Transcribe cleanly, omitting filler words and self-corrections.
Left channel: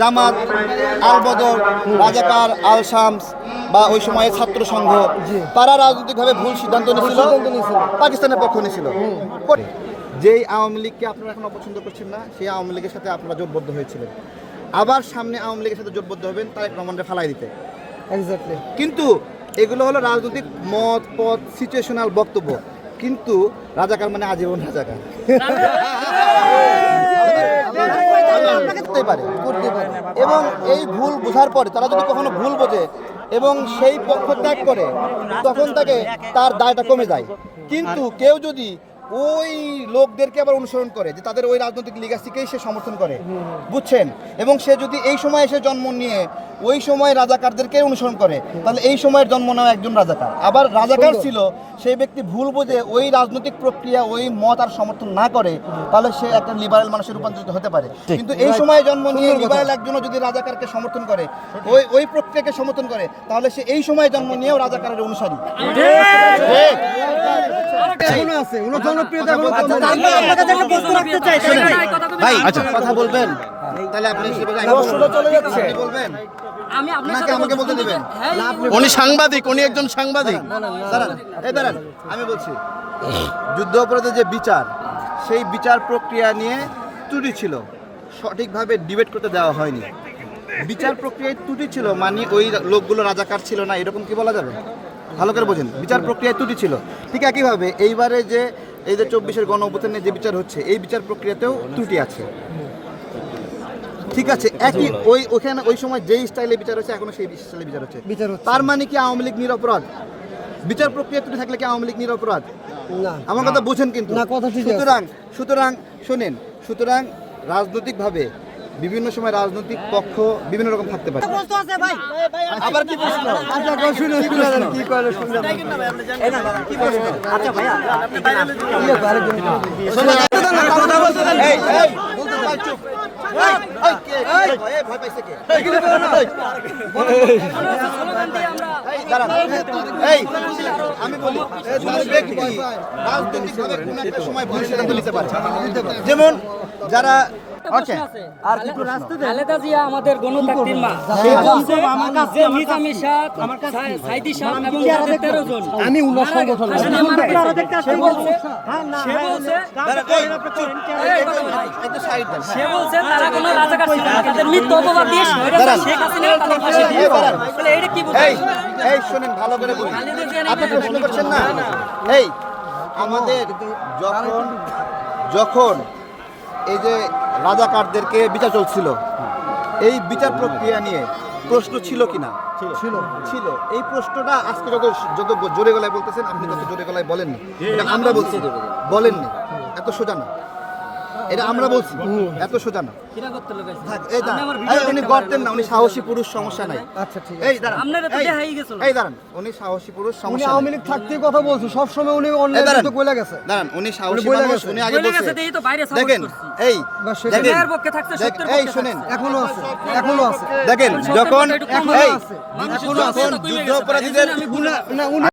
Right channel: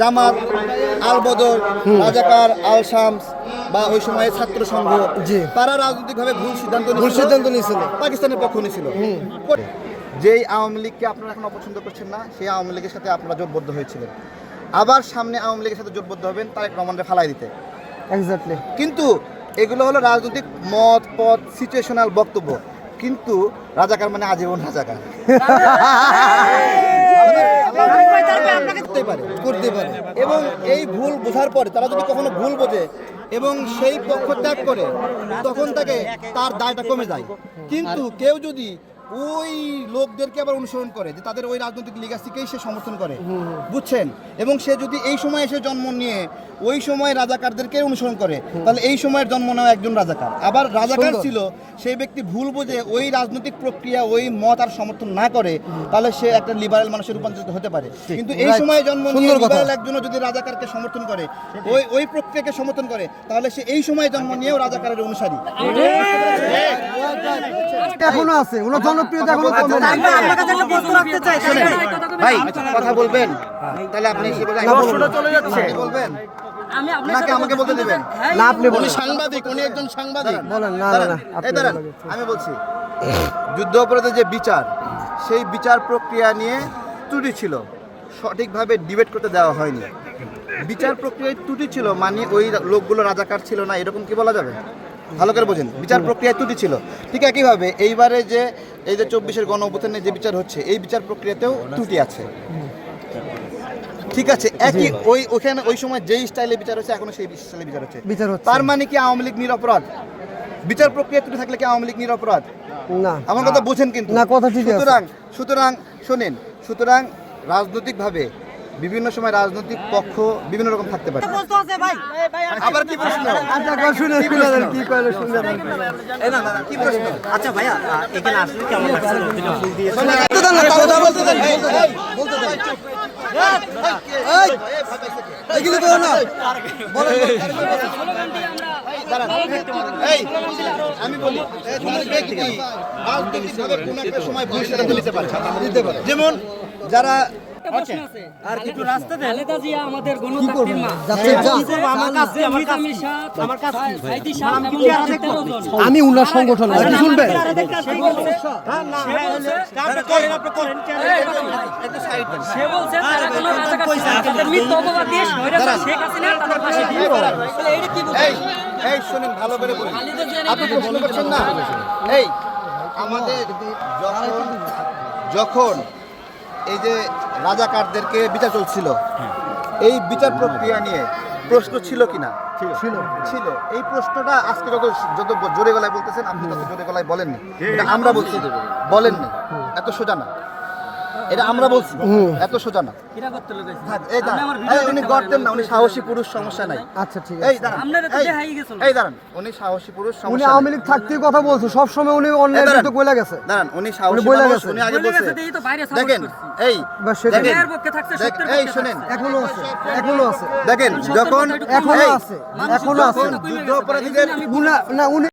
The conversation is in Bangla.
জামাত, আল বদর, রাজাকার, আল শামস বা ওই সময়ে ছাত্র সংঘ, তারা রাজনৈতিকভাবে ভুল সিদ্ধান্ত নিয়েছিল, পাকিস্তানের পক্ষ নিয়েছিল। যেই আওয়ামী লীগকে আপনারা এখন অপছন্দ করছেন না, সেই আওয়ামী লীগের সাথে আপনারা জোটবদ্ধ হয়েছিলেন। আবার সামনে আওয়ামী লীগের সাথে জোটবদ্ধ হবেন তারেক রহমানকে ফালাই দিতে। কিন্তু এগুলো হলো রাজনৈতিক মত পথ সিচুয়েশনাল বক্তব্য, কিন্তু রাজাকার মানে আজীবন রাজাকার করতে পারে। এবং এই ভুল বোঝার পরে তারা যদি কখনো ভুল বোঝে এবং সেই পক্ষ ত্যাগ করে, তখন তার দায়টা কমে যায়। কিন্তু কেউ যদি ওই লোকদেরকে আবার অনুসরণ করে, যে তাদের ওই রাজনৈতিক লিগাসিকেই সে সমর্থন করে, বুঝছেন, এবং সে যদি এই সময় এসে জন্ম নিয়ে ওই সময় রাজাকারদেরকে অনুসরণ করে, তাহলে এই সময়ের জন্ম নেওয়া একজন রাজাকার। আবার রাজাকার ছিল সেই ব্যক্তি ভুল বুঝে ওই রাজনৈতিক প্রক্রিয়া ওই মত আর সমর্থন না করে, তাহলে সে একটা লিবারেল মানুষের রূপান্তরিত হতে পারে। কিন্তু এই সময়ে জন্ম নিয়ে লিবারেল একজনও যদি রাজাকারকে সমর্থন করে, ওই প্রক্রিয়াকে সমর্থন করে, তাহলে সে এই সময়ে জন্ম নিয়েও রাজাকারের অনুসারী। কথা বলবেন, তাহলে আপনি বলবেন, আমাকে বলতে দেবেন। উনি সাংবাদিক, উনি একজন সাংবাদিক। আমি বলছি, যুদ্ধ অপরাধের যে বিচার, সেই বিচার প্রক্রিয়া নিয়ে ত্রুটি ছিল, সঠিকভাবে ডিবেট করতে দেওয়া হয়নি। বিচার প্রক্রিয়ায় ত্রুটি ছিল মানে ওই লোকগুলো রাজাকার ছিল না, এরকম কি বলা যাবে? ভালো করে বোঝেন, বিচার প্রক্রিয়ায় ত্রুটি ছিল। ঠিক একইভাবে এইবারে যে এই যে 24-এর গণ অভ্যুত্থানে যে বিচার হচ্ছে, এই বিচার প্রক্রিয়াতেও ত্রুটি আছে। ঠিক আছে, একই ওখানে ওই সময় যেই স্টাইলে বিচার হচ্ছে, এখনো সেই স্টাইলে বিচার হচ্ছে। তার মানে কি আওয়ামী লীগ নিরপরাধ? বিচার প্রক্রিয়া ত্রুটি থাকলে কি আওয়ামী লীগ নিরপরাধ? না, আমার কথা বোঝেন কিন্তু। সুতরাং রাজনৈতিকভাবে বিভিন্ন সময় রাজনৈতিক পক্ষ বিভিন্ন রকম থাকতে পারে। আবার কি প্রশ্ন? আচ্ছা ভাইয়া, যেমন যারা খালেদা জিয়া আমাদের গণতান্ত্রিক মা, আমি উনার সংগঠন সে বলছে তারা কোনো রাজাকার ছিল না, তাদের মিথ্যা অপবাদ দিয়ে স্বৈরাচার শেখ হাসিনা তাদের পাশে দিয়ে তাহলে এটা কি বলছে? এই শুনেন, ভালো করে বলুন, আপনি প্রশ্ন করছেন না। এই আমাদের যখন এই যে রাজাকারদেরকে বিচার চলছিল, এই বিচার প্রক্রিয়া নিয়ে প্রশ্ন ছিল কিনা? ছিল। এই প্রশ্নটা আজকে যত জোরে গলায় বলতেছেন, আপনি তত জোরে গলায় বলেননি। এটা আমরা বলছি, বলেননি। এত সোজা না, এটা আমরা বলছি, এত সোজা না। উনি গড়তেন না, উনি সাহসী পুরুষ, সমস্যা নাই। আচ্ছা ঠিক আছে, এই দাঁড়ান, উনি সাহসী পুরুষ, উনি আওয়ামী লীগ থাকতে কথা বলছে সব সময়, উনি অন্যায় তো কইলা গেছে। দাঁড়ান, উনি সাহসী মানুষ, উনি আগে বলছে। দেখেন, এই শুনেন, এখনো আছে দেখেন, যখন যুদ্ধ অপরাধীদের